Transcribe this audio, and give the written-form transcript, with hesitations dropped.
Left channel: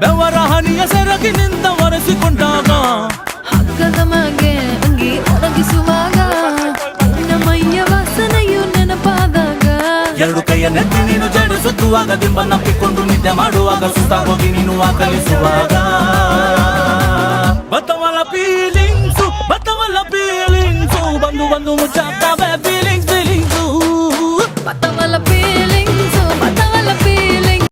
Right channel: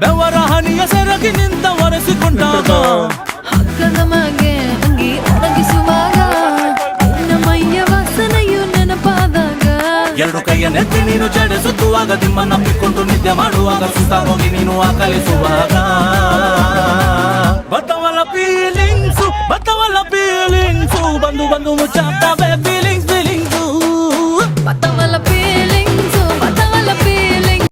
ಬೆವರ ಹನಿಯ ಸೆರಗಿನಿಂದ ಒರೆಸಿಕೊಂಡಾಗ ಹಗ್ಗದ ಮಗೆ ಅಂಗಿ ಒಣಗಿಸುವಾಗ ನಿನ್ನ ಮೈಯ ವಾಸನೆಯು ನೆನಪಾದಾಗ ಎರಡು ಕೈಯ ನೆತ್ತಿ ನೀನು ಚಡಿಸುತ್ತುವಾಗ ದಿಮ್ಮನಪ್ಪಿಕೊಂಡು ನಿದ್ದೆ ಮಾಡುವಾಗ ಸುಸ್ತಾಗೋಗಿ ನೀನು ಆಕಲಿಸುವಾಗ ಬತ್ತವಲ್ಲ ಫೀಲಿಂಗ್ಸು ಬಂದು ಮುಚ್ಚಾಗ್ತಾವೆ ಫೀಲಿಂಗ್ಸು ಬತ್ತವಲ್ಲ ಫೀಲಿಂಗ್ಸ್